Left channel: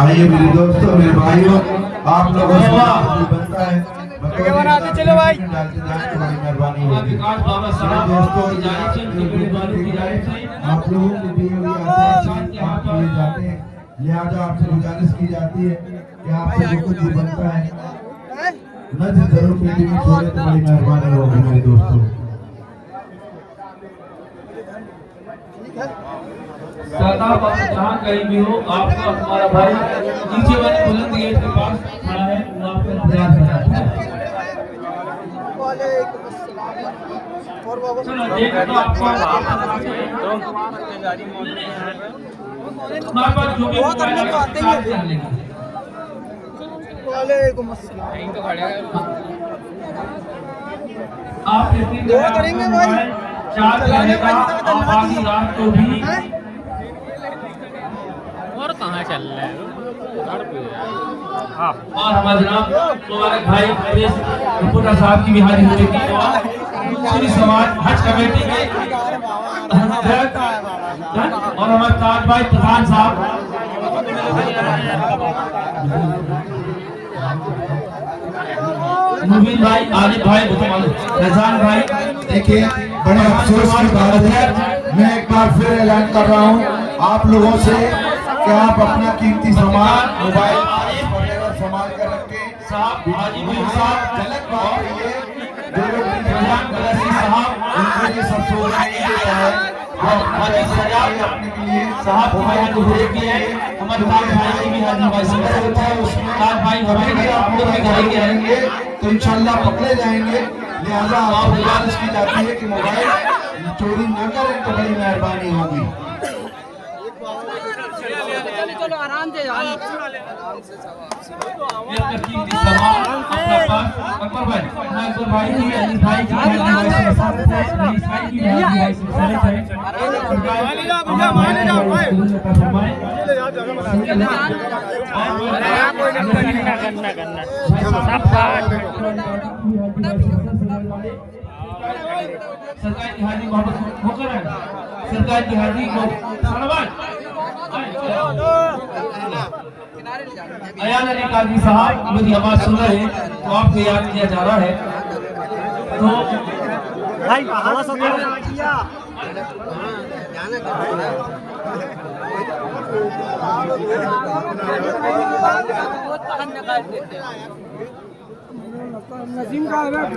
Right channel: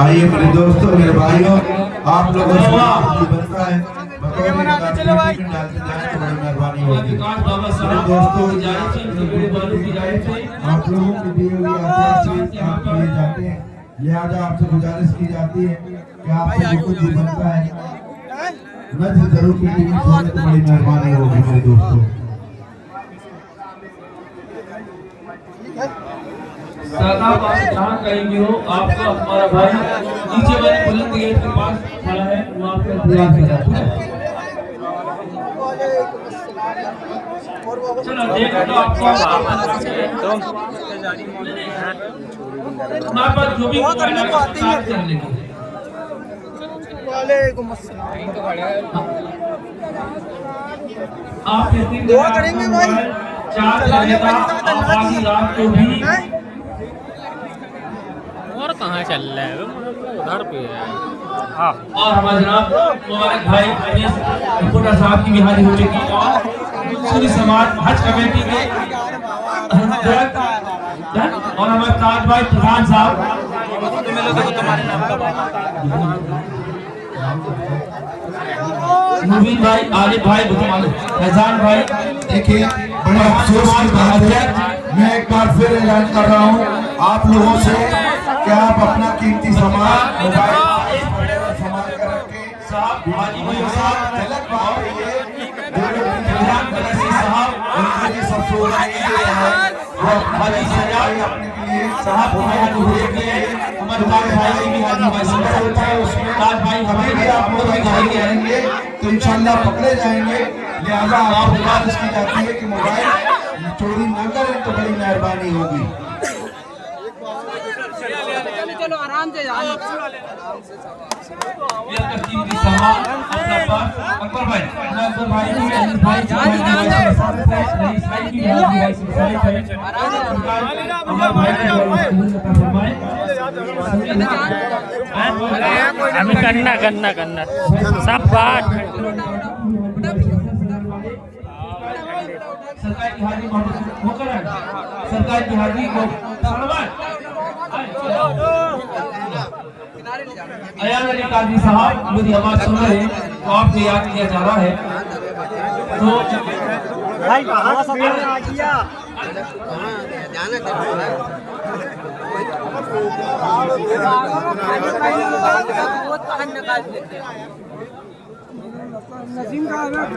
आइए मेरे दोस्तों, मेरे भाइयों, आप लोगों से बनता है मेहरबानी होगी। मेरे दोस्तों, आप लोगों की दी हुई आशीष आप लिए जाते हैं, लिहाजा आपसे गुजारिश की जाती है कि आपसे जो कुछ भी बनता है नजर जरूर पेटी में छोड़े तो बड़ी मेहरबानी होगी मेरे दोस्तों। जहाँ कहीं भी हो, आपका हमारा भाई नीचे वाले बुलंद गेट के पास खड़ा है, वहाँ पे प्रयास कर रहा है। चलो देखो तो आपको हमारे पास जो भी करने को आते ही कर लेंगे। वालेकुम अस्सलाम। आप दुआ करेंगे भाई। चलाने वाली तो आधी रात को भी और कहाँ चल रहा है उधर पे है। और हमारे जनाब मुबारक भाई रिपोर्टर साहब की भी हाजिर हो चुकी है और सूरी समाज हज कमेटी के और हमारे ताज भाई प्रधान साहब मुबीन भाई, आलिफ भाई, फैजान भाई। देखिए, बड़े अफसोस की बात है, मैं एक बार फिर ऐलान कर रहा हूँ आप लोगों से कि आप अपना कीमती सामान मोबाइल संभाल कर रखें। साहब हाजी भाई साहब झलक बात है ये, जो लोग फैजान कलसी साहब उनके लिए सबसे हाजी सजाद साहब की हाजिर हो चुकी है। हमारे ताज भाई की भी हाजिर भाई होता है उसमें ताज भाई हमें भी आप लोग भी घर के रहेंगे तो इंशाल्लाह पकड़े जाएंगे। लिहाजा आप गुजारिश की जाती है कि मोबाइल चोरी न करें तो बड़ी मेहरबानी होगी। चलो आराम से यार। अकबर भाई, अकबर भाई की अली भाई की रईस भाई की भाई सारे भाई करना सब बात सरकार की हाजिरी होकर सरकार की हाजिरी को अयान अली काजी साहब मेरी आवाज सुन रहे हैं तो आपको याद किया जा रहा है। तो भाई थोड़ा सा किया नजीम का हो जाता है।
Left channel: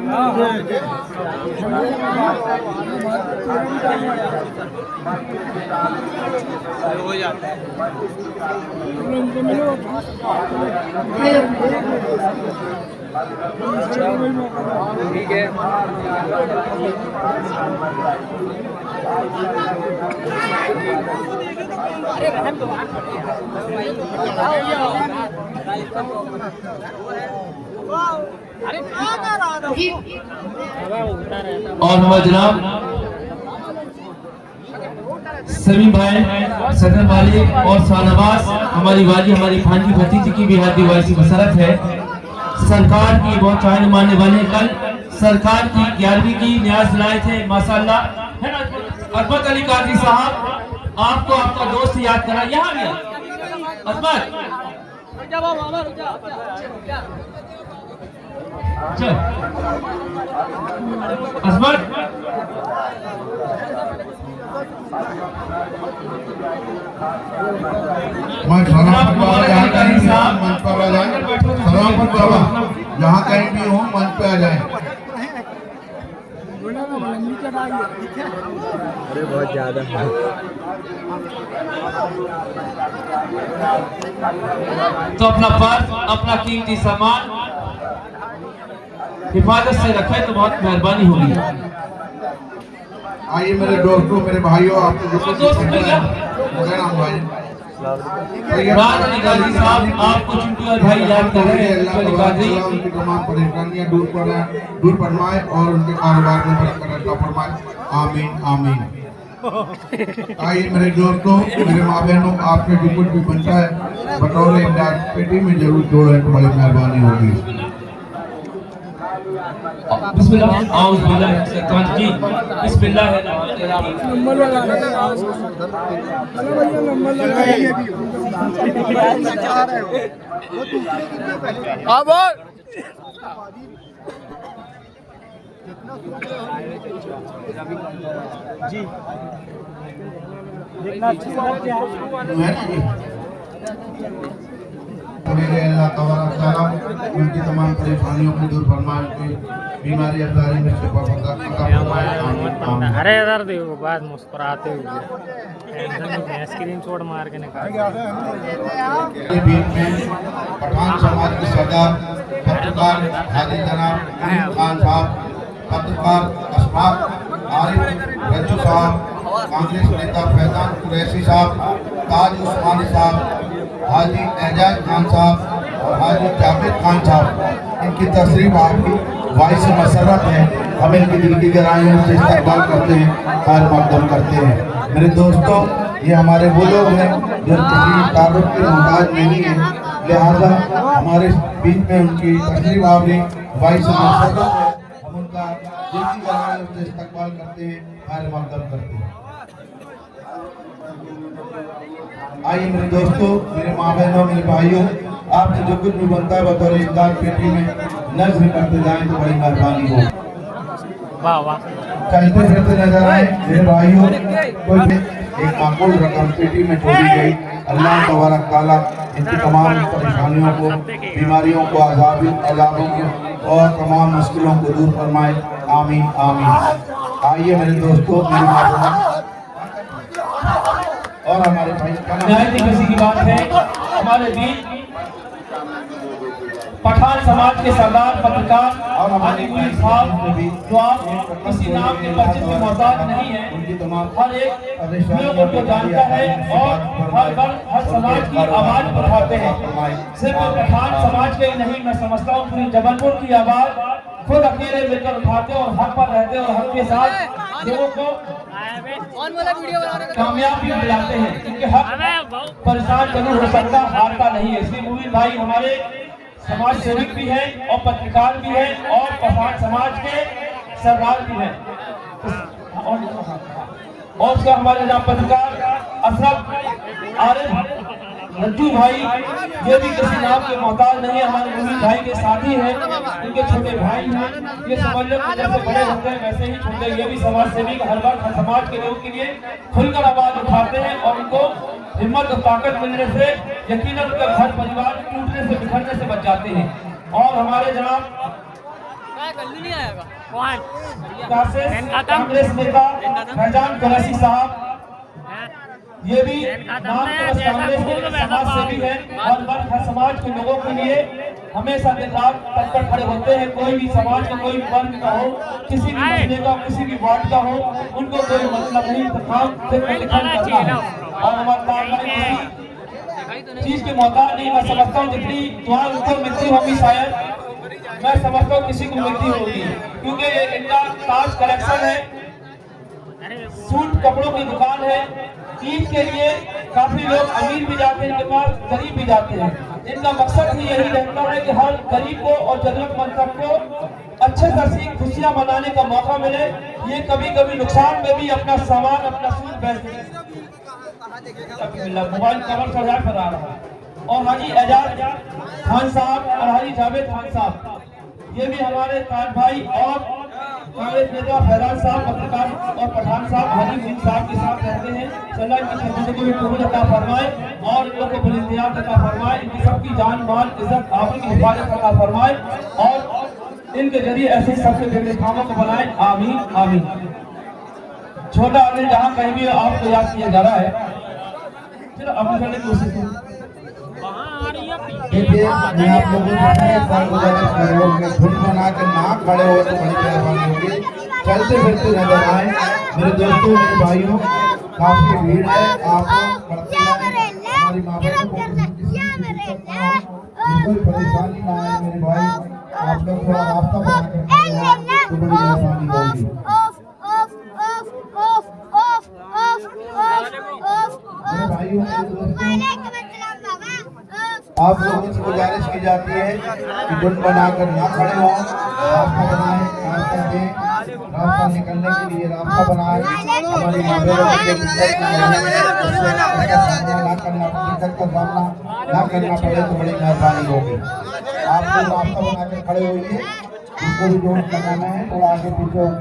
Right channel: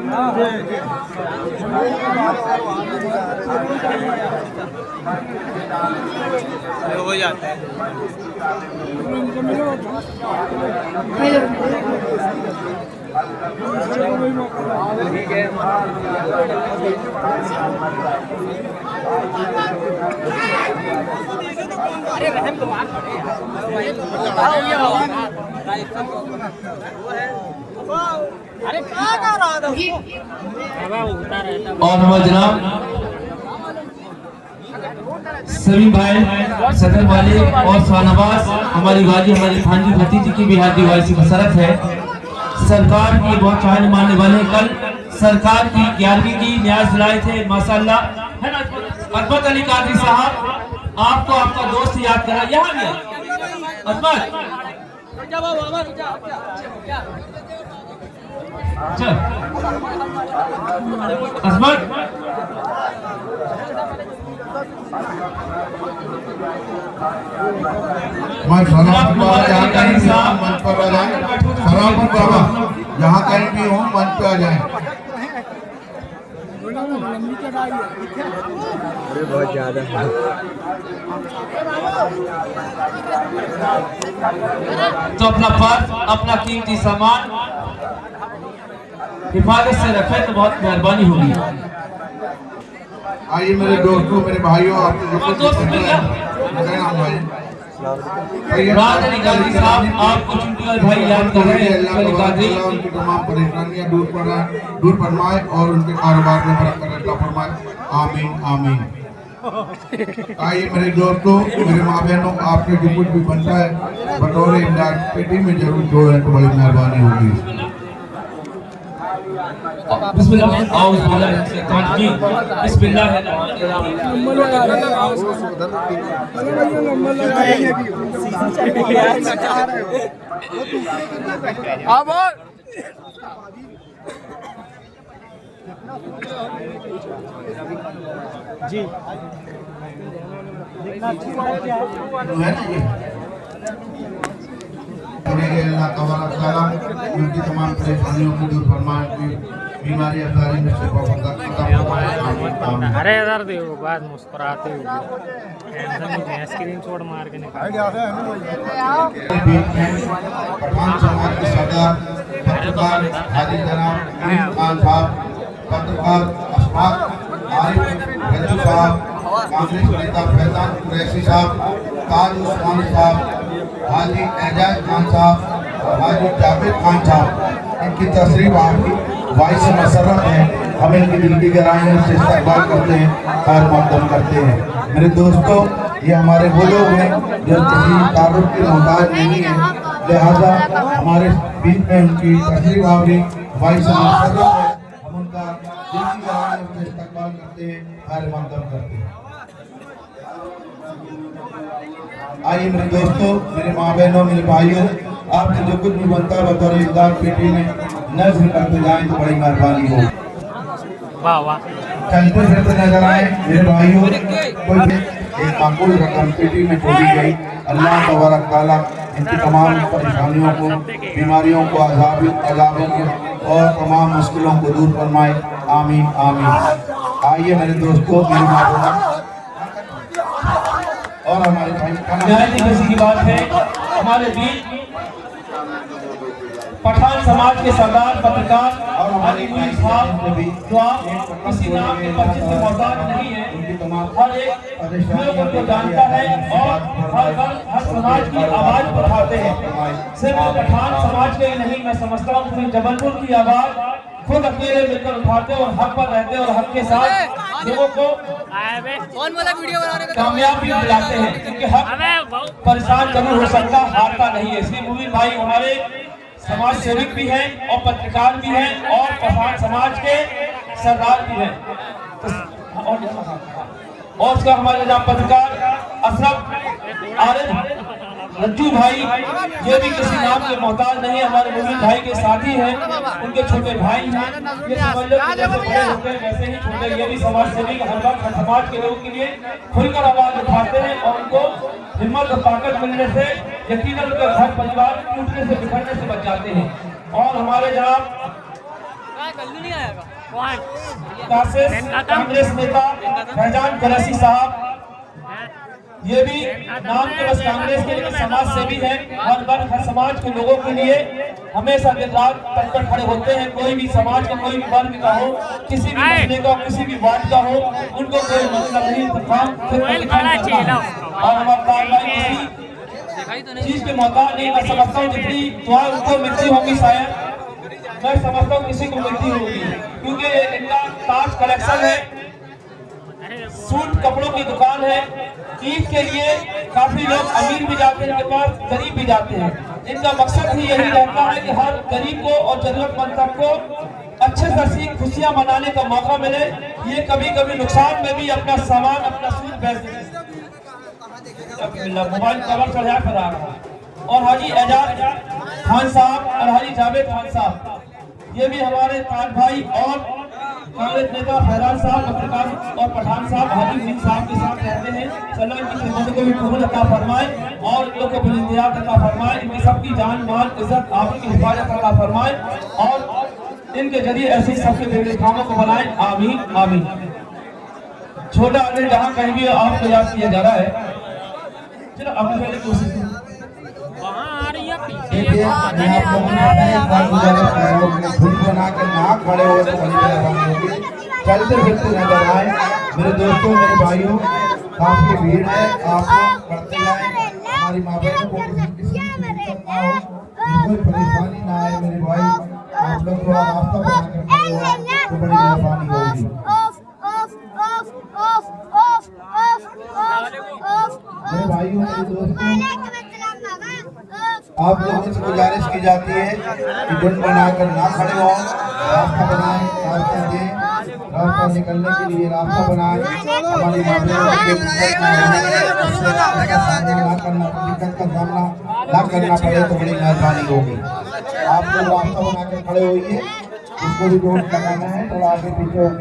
और हमारे जनाब सलीम भाई, सदर मालिक और शाहनवाज हमारी वाजी हमारी भांजी भतीजी की भी हाजिरी वाइसी बसरत है। सरकार की बहुत चाहने मानने वाले कल सरकार की 11वीं की न्याज दिलाए थे माशाल्लाह है ना। अरबत अली कादरी साहब आपको आपका दोस्त याद करा यहाँ भी अरबत अजमत जहाँ कहीं भी हो मंच पे आ जाए। अरे बहुत ज्यादा है। तो अपना पर्स अपना कीमती सामान हिफाजत से रखें तो बहुत मेहरबानी होगी। आइए मेरे दोस्तों, मेरे भाइयों, आपको जो कुछ राज अली कादरी साहब आपको चुटकुला भाई याद कर रहे हैं। उनकी तमाम परेशानियां दूर फरमाए और उनके कारोबार में बरकत अता फरमाए। आमीन आमीन। आइए मेरे दोस्तों, मेरे माँ बहनों, आपके जो कुछ भी बनता है बतौर इमदाद पेटी में जरूर जोड़ें तो बड़ी मेहरबानी होगी। बिस्मिल्लाह औज़ बिल्लाहि मिनश शैतानिर रजीम बिस्मिल्लाहिर्रहमानिर्रहीम। नंबर लगा रहे हैं चलो भैया नंबर लगा रहे हैं हाँ बोल जी है ना ये मेरे अल्लाह तबारक तआला उनकी तमाम परेशानियों को दूर फरमाए, उनकी बीमारी अजारी में शिफा फरमाए। आमीन। अरे इधर देखो बात मुस्कुराते हुए टेंशन नहीं स्क्रीन शॉट मार के निकाल के बीच में पठान समाज के सरदार पत्रकार हाजी जनाब खान साहब, पत्रकार अशफाक आरिफ रज्जू साहब, कांग्रेस नेता फैजान कुरैशी साहब, ताज उस्मानी साहब, हाजी एजाज खान साहब और हाजी जावेद खान साहब, इनकी तशरीफ आपकी वाइस मसरत है। हम इनकी दिल की गहराइयों से इस्तेमाल करते हैं, कार मकदम करते हैं। मेरे दोस्तों, ये हमारे वो लोग हैं जो किसी तारुफ के मोहताज नहीं है, लिहाजा हमारे बीच में उनकी तशरीफ आपकी वाइस मसरत है। हम उनका दिल की गहराइयों से इस्तेमाल करते हैं, कार मकदम करते हैं। आइए मेरे दोस्तों, मेरे माँ बहनों, मेरे भाइयों, आपसे जो कुछ भी बनता है बतौर इमदाद पेटी में नज़्म करते जाएं तो बड़ी मेहरबानी हो। वाह वाह चलते फिरते नजर आए मेरे भाइयों, कोई भी एक माकूल रकम पेटी में छोड़ी गई। अल्लाह तबारक तआला इनकी तमाम परेशानियों को, बीमारियों को, अज़ाबों को और तमाम मुश्किलों को दूर फरमाए। आमीन आमीन। आइए मेरे दोस्तों, मेरी माँ और हमारे भाई किसी की बात है, हमारे बीच पठान समाज के सरदार पत्रकार और हमारे साहब जो आप किसी नाम के परिचित में मौजूद नहीं है, हर एक लोग उनको जानता है और हर वर्ग हर समाज की आवाज उठाते हैं। सिर्फ पठान समाज के ही नहीं, मैं समझता हूँ पूरी जबलपुर की आवाज खुद अकेले मिलकर उठाते और हक पर रहते और हक के साथ लोगों को कौन वाला वीडियो बना रहे कामयाब भी दिलाते हैं, क्योंकि हक परेशान कभी हो सकता हारता नहीं है। इसलिए मुबीन भाई हमारे समाज सेवक भी हैं और पत्रकार भी हैं और पठान समाज के सरदार भी हैं। और उसका हमारे जहाँ पत्रकार अशरफ आरिफ रज्जू भाई, ये भी किसी नाम के मोहताज नहीं है, हमारे मुबीन भाई के साथी हैं, उनके छोटे भाई हैं। ये समझ लो कि जैसे बड़े होते हैं वैसे ही छोटे, ये भी समाज सेवी हर बार समाज के लोगों के लिए खुलकर आवाज उठाते हैं और उनको हिम्मत और ताकत मिलने से यकीनन उनके घर परिवार टूटने से बिखरने से बच जाते हैं। और हमारे जनाब नहीं आएगा कांग्रेस नेता फैजान कुरैशी साहब, ये भी नाम के बस कांग्रेस के समाज सेवी हैं और हर समाज के लोगों के लिए हमेशा दिन रात तत्पर खड़े होते हैं। कोई भी समाज का कोई वर्ग का हो, किसी भी महीने का, किसी भी वार्ड का हो, उनको कोई मतलब नहीं। और हमारे चीज के मोहताज नहीं, मैं समझता हूँ जितनी दुआ उनको मिलती होगी शायद मैं समझता हूँ किसी को मिलती होगी, क्योंकि इनका ताज कलेक्शन है, सूट कपड़ों की दुकान है। ईद के लिए काफी लोग अमीर भी जाते हैं इनके पास, गरीब भी जाते हैं। इनका मकसद ही यही रहता है कि हर गरीब को और जरूरतमंद तक को अच्छे से अच्छी खुशियां मनाने का मौका मिले। ये कभी कभी नुकसान में भी अपना सामान, अपना सूट बेच देते हैं। मोबाइल कवर सजा कर आ रहा है। और हाजी एजाज खान साहब और हाजी जावेद खान साहब, ये भी हमारे ताज भाई और कांग्रेस नेता फैजान साहब, पत्रकार और पठान साहब हाजी सिंह साहब के साथ रहते हैं। अल्लाह इनकी खिदमत को भी कबूल अता फरमाए और इन लोगों को बुलंदियात अता फरमाए, इनकी सबकी जान माल इज्जत आबरू की हिफाजत अता फरमाए और इनके जरिए ऐसे सबके बेगले कामों को बनाए। आमीन आमीन। छोटा आदमी जहाँ कहीं भी आपको याद किया जा रहा है, चलो अभी पहले कोशिश देखिए, मैं आप लोगों से धुन बना के ना खड़े हो तो बड़ी परेशानी होगी। चलते फिरते नजर आए मेरे दोस्तों, मेरे भाइयों, काफी भीड़ है, आप बढ़ते जाए। हमारी माँ बहनों को कोई परेशानी ना आए मेरे भाई, आप लोग थोड़ा रास्ता बना कर तो बड़ी मेहरबानी होगी। मेरे भाइयों, मेरे दोस्तों, आप लोगों से गुजारिश की जाती है कि धुन बनाकर ना खड़े हो, रास्ता बनाएं। दें, रास्ता निकलने के लिए रास्ता बनाए। हमारी माँ बहनों को दिक्कत का सामना ना करना पड़े तो बड़ी मेहरबानी होगी। आप लोग रास्ता बना के खड़े होइए, उसको भी जोड़ लगाना है, थोड़ा आगे पीछे होंगे।